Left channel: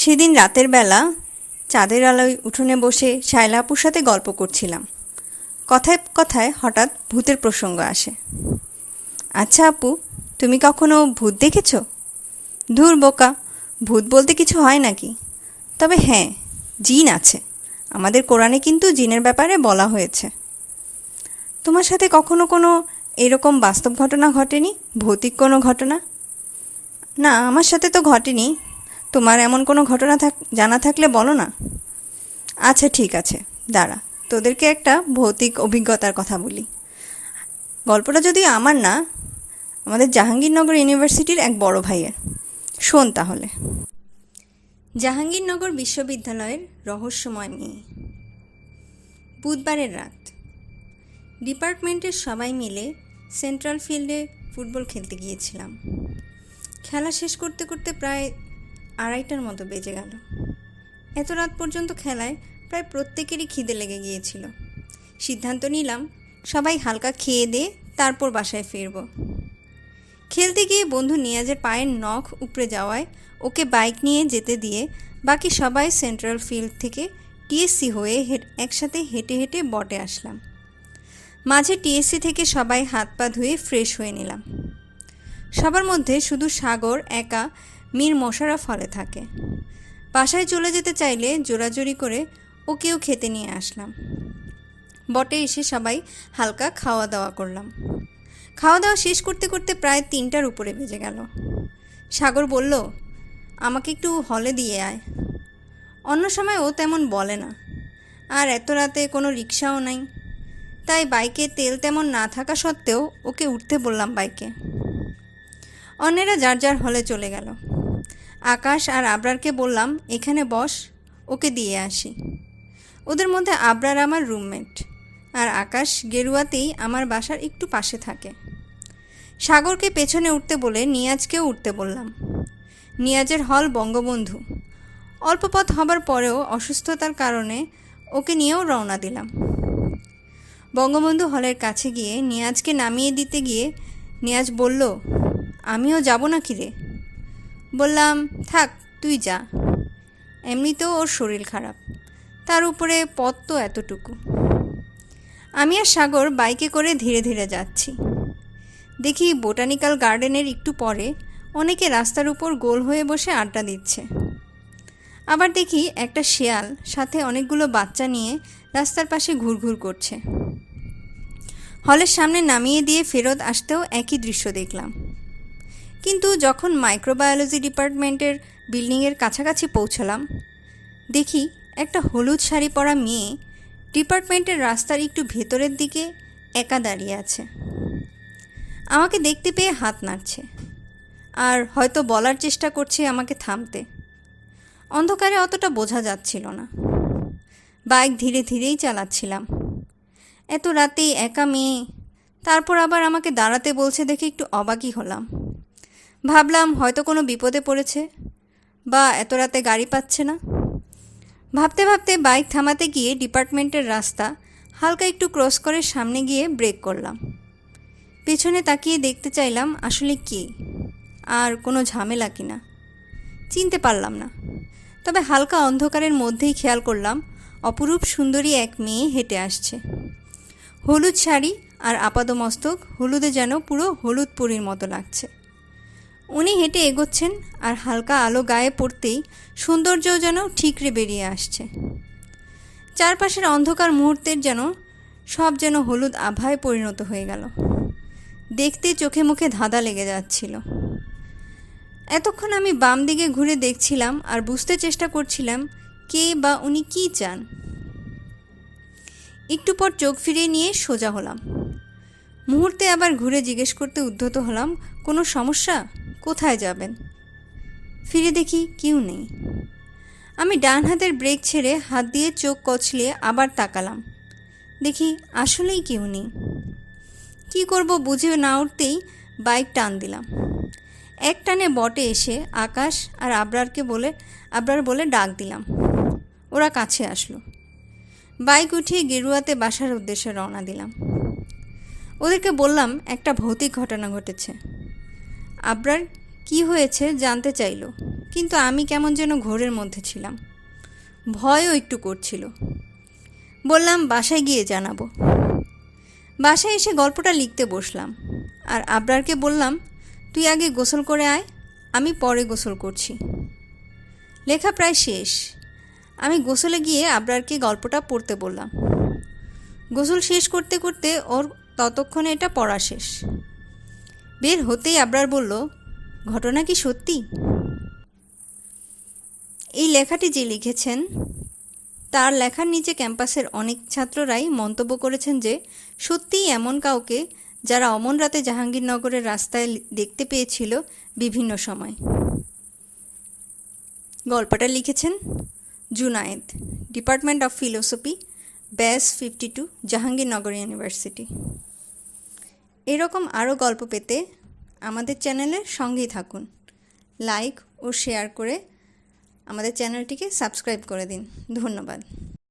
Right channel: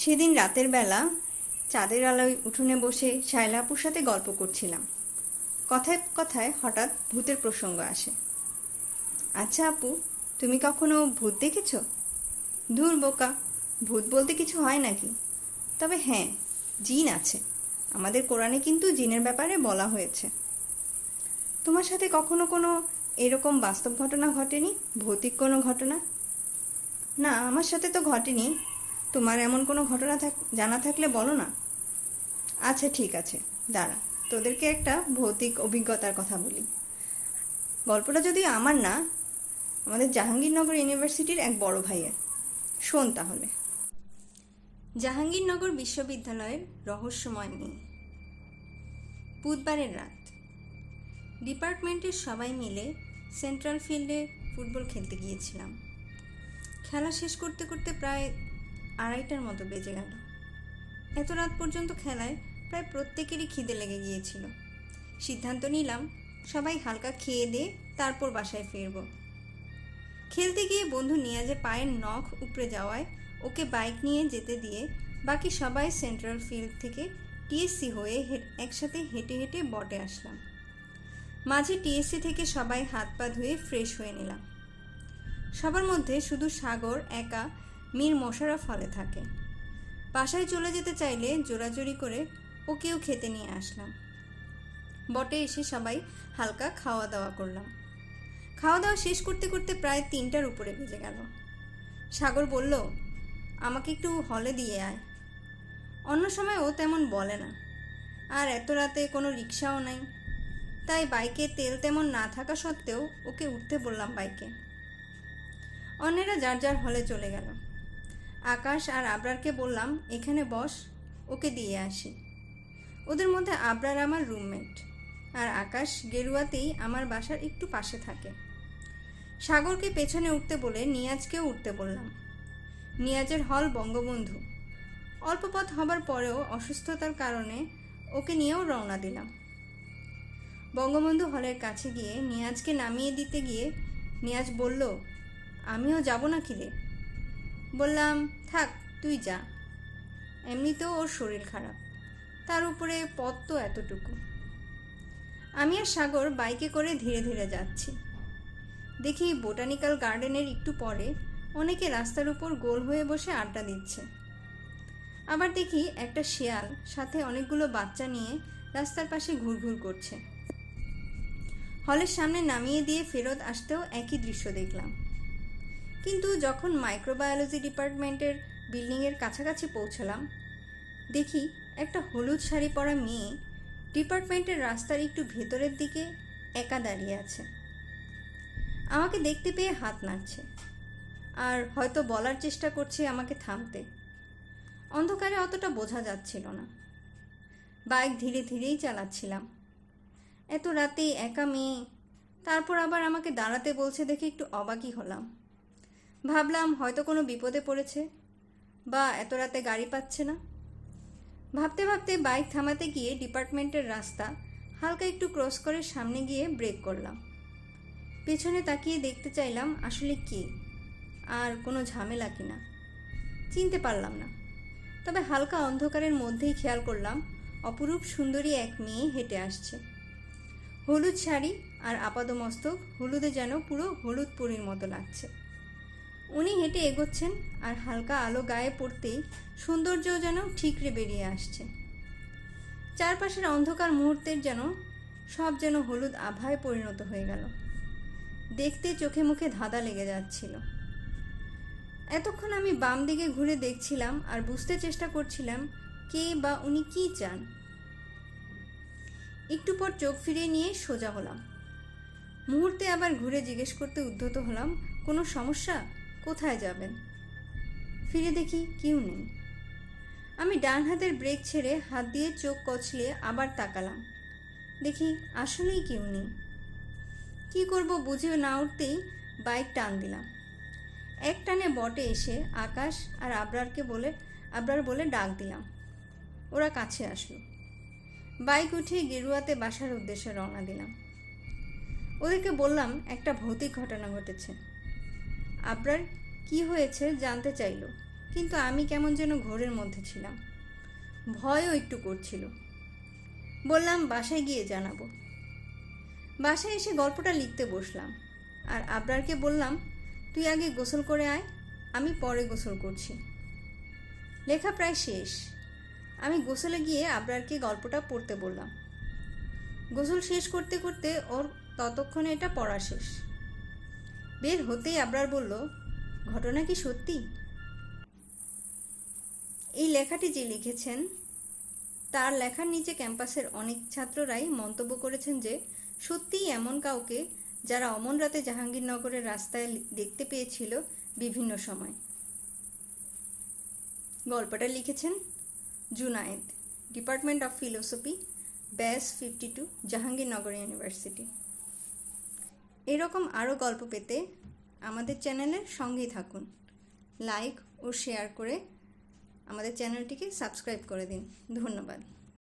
সেদিন রাতের বেলা চাঁদের আলোয় উঠোনে বসে শায়লা আপুর সাথে গল্প করছিলাম। কথায় কথায় হঠাৎ ভূতের প্রসঙ্গ আসে। আচ্ছা আপু, তুমি কখনো ভূত দেখেছ? ধুর বোকা, ভূত বলতে কিছু হয় নাকি? তবে হ্যাঁ, জিন আছে। আমাদের কোরআনে কিন্তু জিনের ব্যাপারে বলা হয়েছে। তোমার সাথে কখনো কোনো এরকম বাস্তব ঘটনা ঘটেনি? ভৌতিক কোনো ঘটনা? না, আমার সাথে তো ঘটেনি। তোমার এমন কোনো ঘটনা জানা থাকলে বলো না। আচ্ছা ঠিক আছে, দাঁড়া, তোদেরকে একটা ভৌতিক অভিজ্ঞতার কথা বলি। গল্পটা যদিও আমার না, আমাদের জাহাঙ্গীরনগর ইউনিভার্সিটির এক বড় ভাইয়ের। শোন তাহলে। জাহাঙ্গীরনগর বিশ্ববিদ্যালয়ের রহস্যময় মেয়ে। বুধবারের রাত, ডিপার্টমেন্টের সবাই মিলে সেন্ট্রাল ফিল্ডে ফুটবল খেলতে গিয়েছিলাম। খেলা শেষ করতে করতে প্রায় 2:30টার মতো বেজে গেল। এত রাত পর্যন্ত খেলায় প্রায় প্রত্যেকেরই খিদে লেগে গিয়েছিল। সিদ্ধান্ত নিলাম সবাই হালকা খেয়ে দিয়ে তারপর বাসায় ফিরব। খেলতে গিয়ে বন্ধু নিয়াজের পায়ের নখ উপড়ে যাওয়ায় ওকে বাইক নিয়ে যেতে দিয়ে বাকি সবাই সেন্ট্রাল ফিল্ড থেকে টিএসসি হয়ে একসাথে হেঁটে হেঁটে বটে আসলাম। মাঝে টিএসসি থেকে সবাই হাত পা ধুয়ে ফ্রেশ হয়ে নিলাম। সবার মধ্যে শুধু সাগর একা মীর মোশাররফ হলে থাকে। বাসায় চলে যেতে চাইলে জোরাজোরি করে ওকেও খেতে নিয়ে আসলাম। বটে এসে সবাই হালকা খাওয়া দাওয়া করলাম। খাওয়া দাওয়া শেষ করতে করতে প্রায় 3টার উপরে বেজে গেল। সাগর বলল, আমাকে একটু হলে দিয়ে আয়। অন্য সময় ও তেমন বলে না, আর এত রাতে কোনো রিক্সাও নাই, তাই বাইকে তেল তেমন না থাকা সত্ত্বেও ওকে উঠতে বললাম বাইকে। অন্যেরা যার যার হলে চলে গেল। আকাশ আর আবরারকে বললাম, এখানে বস, ওকে দিয়ে আসি। ওদের মধ্যে আবরার আমার রুমমেট, আর আকাশ গেরুয়াতেই আমার বাসার একটু পাশে থাকে। সাগরকে পেছনে উঠতে বলে নিয়াজকেও উঠতে বললাম। নিয়াজের হল বঙ্গবন্ধু। অল্প পথ হবার পরেও অসুস্থতার কারণে ওকে নিয়েও রওনা দিলাম। বঙ্গবন্ধু হলের কাছে গিয়ে নিয়াজকে নামিয়ে দিতে গিয়ে নিয়াজ বলল, আমিও যাব না কি রে? বললাম, থাক, তুই যা। এমনিতেও ওর শরীর খারাপ, তার উপরে পথ তো এতটুকু। আমি আর সাগর বাইকে করে ধীরে ধীরে যাচ্ছি। দেখি বোটানিক্যাল গার্ডেনের একটু পরে অনেকে রাস্তার উপর গোল হয়ে বসে আড্ডা দিচ্ছে। আবার দেখি একটা শেয়াল সাথে অনেকগুলো বাচ্চা নিয়ে রাস্তার পাশে ঘুরঘুর করছে। হলের সামনে নামিয়ে দিয়ে ফেরত আসতেও একই দৃশ্য দেখলাম। কিন্তু যখন মাইক্রোবায়োলজি ডিপার্টমেন্টের বিল্ডিংয়ের কাছাকাছি পৌঁছলাম, দেখি একটা হলুদ শাড়ি পরা মেয়ে ডিপার্টমেন্টের রাস্তার একটু ভেতরের দিকে একা দাঁড়িয়ে আছে। আমাকে দেখতে পেয়ে হাত নাড়ছে, আর হয়তো বলার চেষ্টা করছে আমাকে থামতে। অন্ধকারে অতটা বোঝা যাচ্ছিল না। বাইক ধীরে ধীরেই চালাচ্ছিলাম। এত রাতেই একা মেয়ে, তারপর আবার আমাকে দাঁড়াতে বলছে দেখে একটু অবাকই হলাম। ভাবলাম হয়তো কোনো বিপদে পড়েছে, বা এত রাতে গাড়ি পাচ্ছে না। ভাবতে ভাবতে বাইক থামাতে গিয়ে ডিপার্টমেন্টের রাস্তা হালকা একটু ক্রস করে সামনে গিয়ে ব্রেক করলাম। পেছনে তাকিয়ে দেখতে চাইলাম আসলে কি, আর কোনো ঝামেলা কিনা। চিনতে পারলাম না, তবে হালকা অন্ধকারের মধ্যেই খেয়াল করলাম অপরূপ সুন্দরী এক মেয়ে হেঁটে আসছে। হলুদ শাড়ি আর আপাদমস্তক হলুদে যেন পুরো হলুদ পরীর মতো লাগছে। উনি হেঁটে এগোচ্ছেন, আর হালকা আলো গায়ে পড়তেই সৌন্দর্যও যেন ঠিকরে বেরিয়ে আসছে। চারপাশের অন্ধকার মুহূর্তের যেন সব যেন হলুদ আভায় পরিণত হয়ে গেল। দেখতে চোখে মুখে ধাঁধা লেগে যাচ্ছিল। এতক্ষণ আমি বাম দিকে ঘুরে দেখছিলাম আর বুঝতে চেষ্টা করছিলাম কে বা উনি কী চান। একটু পর চোখ ফিরিয়ে নিয়ে সোজা হলাম। মুহূর্তে আবার ঘুরে জিজ্ঞেস করতে উদ্যত হলাম, কোনো সমস্যা? কোথায় যাবেন? ফিরে দেখি কেউ নেই। আমি ডান হাতের ব্রেক ছেড়ে হাত দিয়ে চোখ কচলিয়ে আবার তাকালাম। দেখি আসলেই কেউ নেই। কী করব বুঝে না উঠতেই বাইক টান দিলাম। এক টানে বটে এসে আকাশ আর আবরার বলে ডাক দিলাম। ওরা কাছে আসলো। বাইক উঠিয়ে গেরুয়াতে বাসার উদ্দেশ্যে রওনা দিলাম। ওদেরকে বললাম একটা ভৌতিক ঘটনা ঘটেছে। আবরার কি হয়েছে জানতে চাইল, কিন্তু আমি কেমন যেন ঘোরের মধ্যে ছিলাম। ভয়ও একটু করছিল। বললাম বাসায় গিয়ে জানাবো। বাসায় এসে গল্পটা লিখতে বসলাম আর আবরারকে বললাম, তুই আগে গোসল করে আয়, আমি পরে গোসল করছি। লেখা প্রায় শেষ। আমি গোসলে গিয়ে আবরারকে গল্পটা পড়তে বললাম। গোসল শেষ করতে করতে ওর ততক্ষণে এটা পড়া শেষ। বের হতেই আবরার বলল, ঘটনা কি সত্যি? এই লেখাটি যে লিখেছেন তার লেখার নিচে ক্যাম্পাসের অনেক ছাত্ররাই মন্তব্য করেছেন যে সত্যিই এমন কাউকে যারা অমন রাতে জাহাঙ্গীরনগরের রাস্তায় দেখতে পেয়েছিল বিভিন্ন সময়। গল্পটা লিখেছেন জুনায়েদ, ডিপার্টমেন্ট অফ ফিলোসফি, ব্যাস 52, জাহাঙ্গীরনগর ইউনিভার্সিটি। এরকম আরও গল্প পেতে আমাদের চ্যানেলের সঙ্গেই থাকুন। লাইক ও শেয়ার করে আমাদের চ্যানেলটিকে সাবস্ক্রাইব করে দিন। ধন্যবাদ।